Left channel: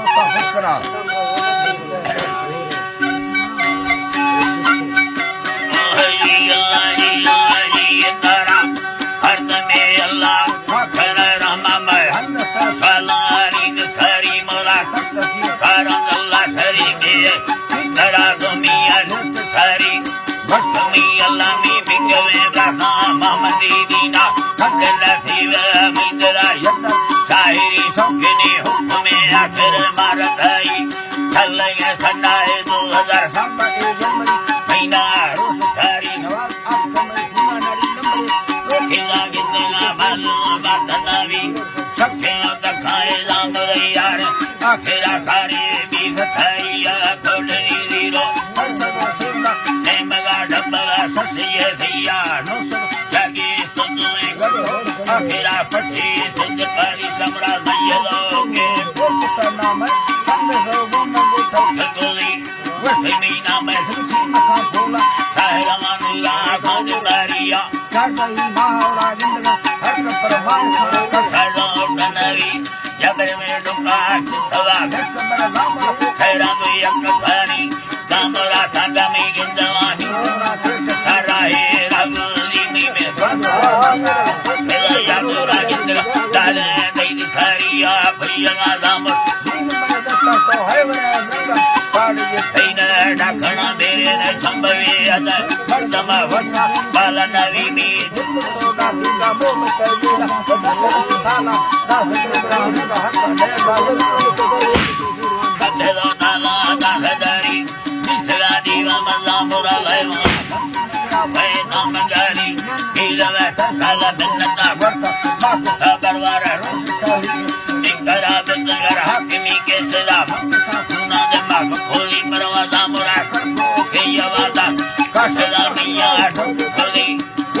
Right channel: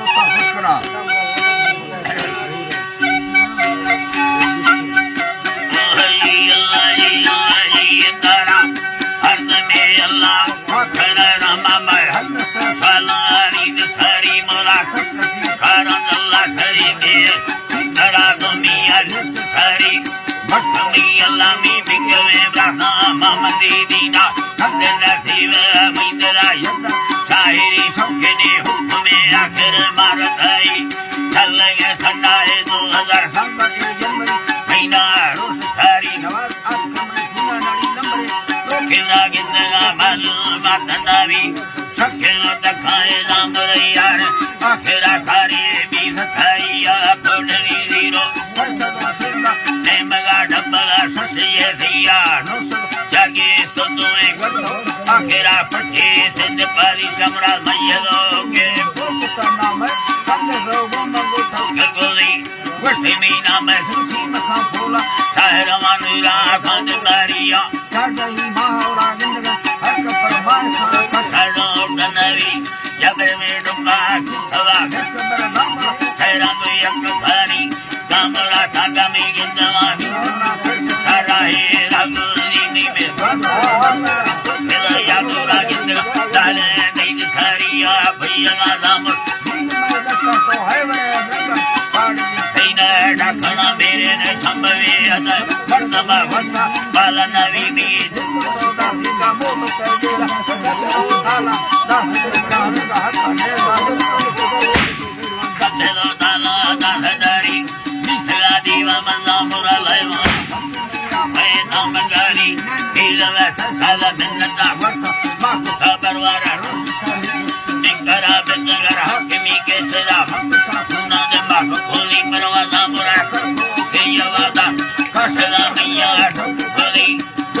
दोस्ता फकरा आखिरा सारी बीस थाइया थोड़ी जीरो नेमगा डब्बगा ससिए दिया जागी सुदुए आखिरा पच्चीस सिंध पारी समरा मैयलो के करना मैं हमने लोगों में उठा गगोली वस्ती मीना में सुची मखा बोला साहरा मानुरा खान मारिया चाटही मावरा जिंदगा हर कपर मार कसड़ो डनरी जबर में डुका सदा कबर लामा खैरा तो यक खानी कामरा टागा में गिंदवानी सारा है रागुली में मेरा यादुरा गिंदगा डाले दई सारिया भैया लाम तो है वे पाड़ी सैना डाखना मेरे ने संभवे अदा मर्दमा वसा बाला नवी में का मोह करिया ताला कबेलो ताला दाहदारी निसरा दीवा मल्ला मुरा लाइवा मैं नामगारी इलवा संसाला नन्नता वर्ता माको खबरवारा निंगरा बेंगरा हकमी के सदा ना दे माको खोली परवाजा मुरा के यवादा कसला मिया खोली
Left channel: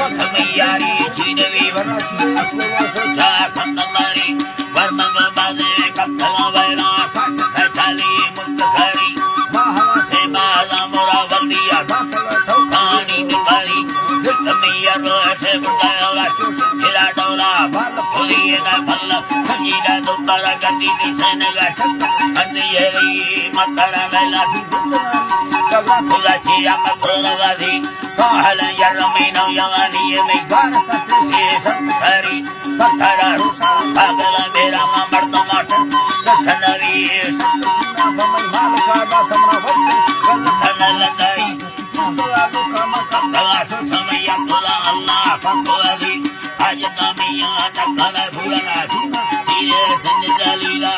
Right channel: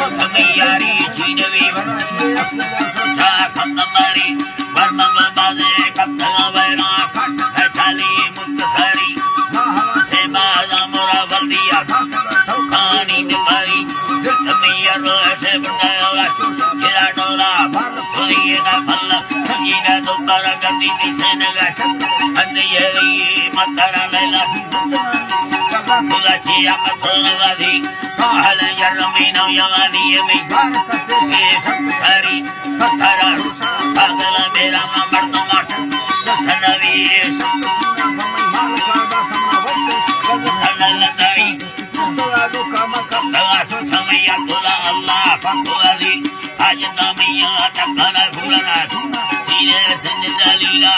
कथमियारी चीनवी वरसा खंडमारी वर्मंग बाजे कपला वैरा खट खचाली मुक्तसरी महाथे बाजा मोरा वल्दिया ठोखानी निभाई कथमिया रोसे बुंदाला चुसुकिला डोला भर खोलिएगा भल्ला संगीता दुबारा गंदी दिसेनगा अंधियरी मतरा लैला कला चिया मखोलवादी कहल यरमीनो यवानी में गान सत्य सब सारी पत्थरा रुसा पागल मेरा मर्दो माट सनवी भमन माल का समरा वक्त धन लगाई दुलादो का मकला समय तुला अल्लाह फकवादी आज कामिया तकना भूलना तेरे जिंदलीला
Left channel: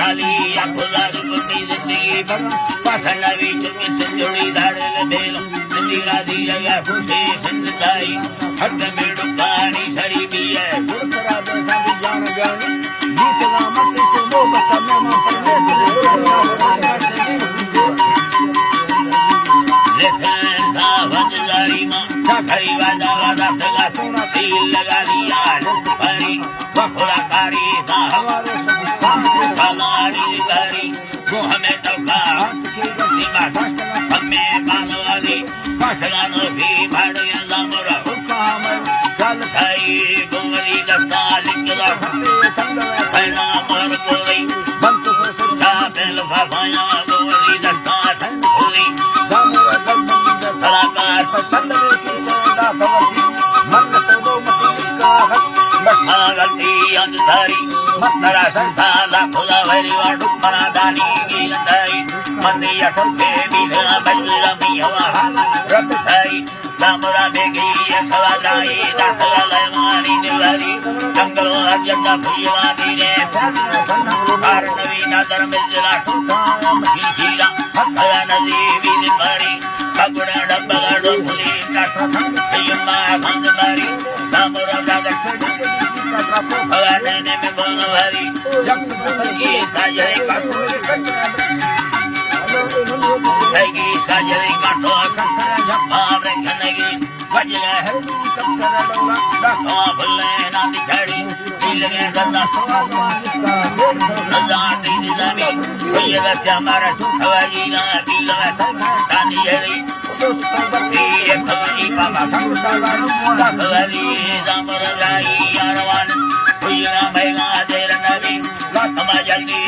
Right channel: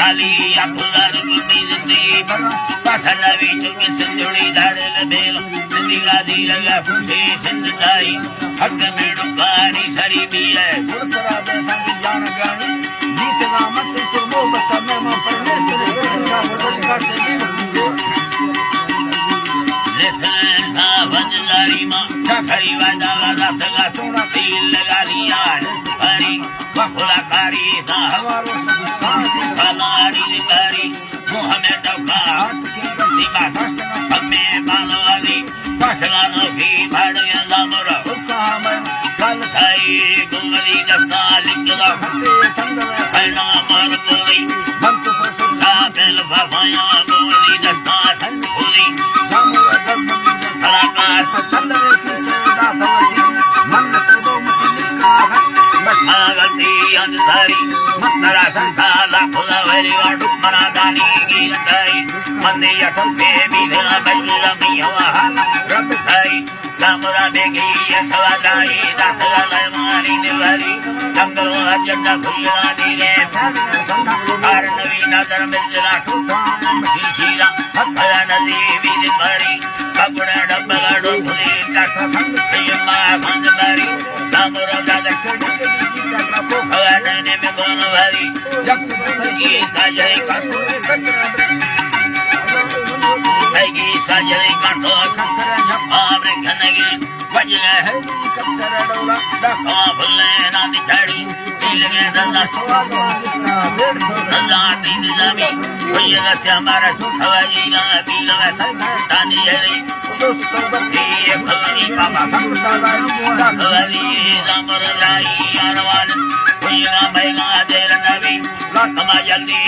काली अकुला रुकनी जिंदगी भर पसनवी चुके संजुड़ी धारल बेलो नीला दीला फुटे संदाई हक में डुकारी सड़ी भी है तेरा देसा की जान गानी जीतना मत तुमो मत में लेसन सावन जारी मां खड़ी वादा वादा सगा सोना तेल लगा लिया हरी बखुला कारी सा हमारो फलारी कारी वो हमें टोका सीमा हमें बालवाली कसला नो भी भाड़िया लामरा हुकाम जन थाई गोली दस्ता लिखला फैला मर गोली बंत को सुधा बेल भाया गोली दस्ता सन गोली जामुरा गंद में सलाका चंद में किरदा सवजी मन तो दो मत निकला है बटना गंदी अंधारी मकरा संसाला खुदा वली और मरा दानी की लगाई मंदी फंके भी मेरा बल्ला मिया रब साई जामुरा देगी ये सवालाई दाखला लयमानी निवारी जंगल अजंदा भुया दीने कार नवीना धर्मेंद्र ठोका मखीला हथया नदी भी निवारी कबुड़ा डब्बा डोली काठा संगतियमा भंजमारी जामुरा दादा का पोखला ने में गोन भारी जब सगी साजरे काटू सगी साजरे काटो खखरा झपा ब्रेखनगी वजले है कब्तर डोला दखा भले ना दिखाड़ी दिल में दल्ला सोवा दल्ला दिन जमी भैया से हमारा झूठावाजी ना दिल में संतानी है दोस्तों बत्ती भगनी बाबा संताला दखवाली जामर जाई यारवाल भैया भैया देर नबी लाखमा जल्दी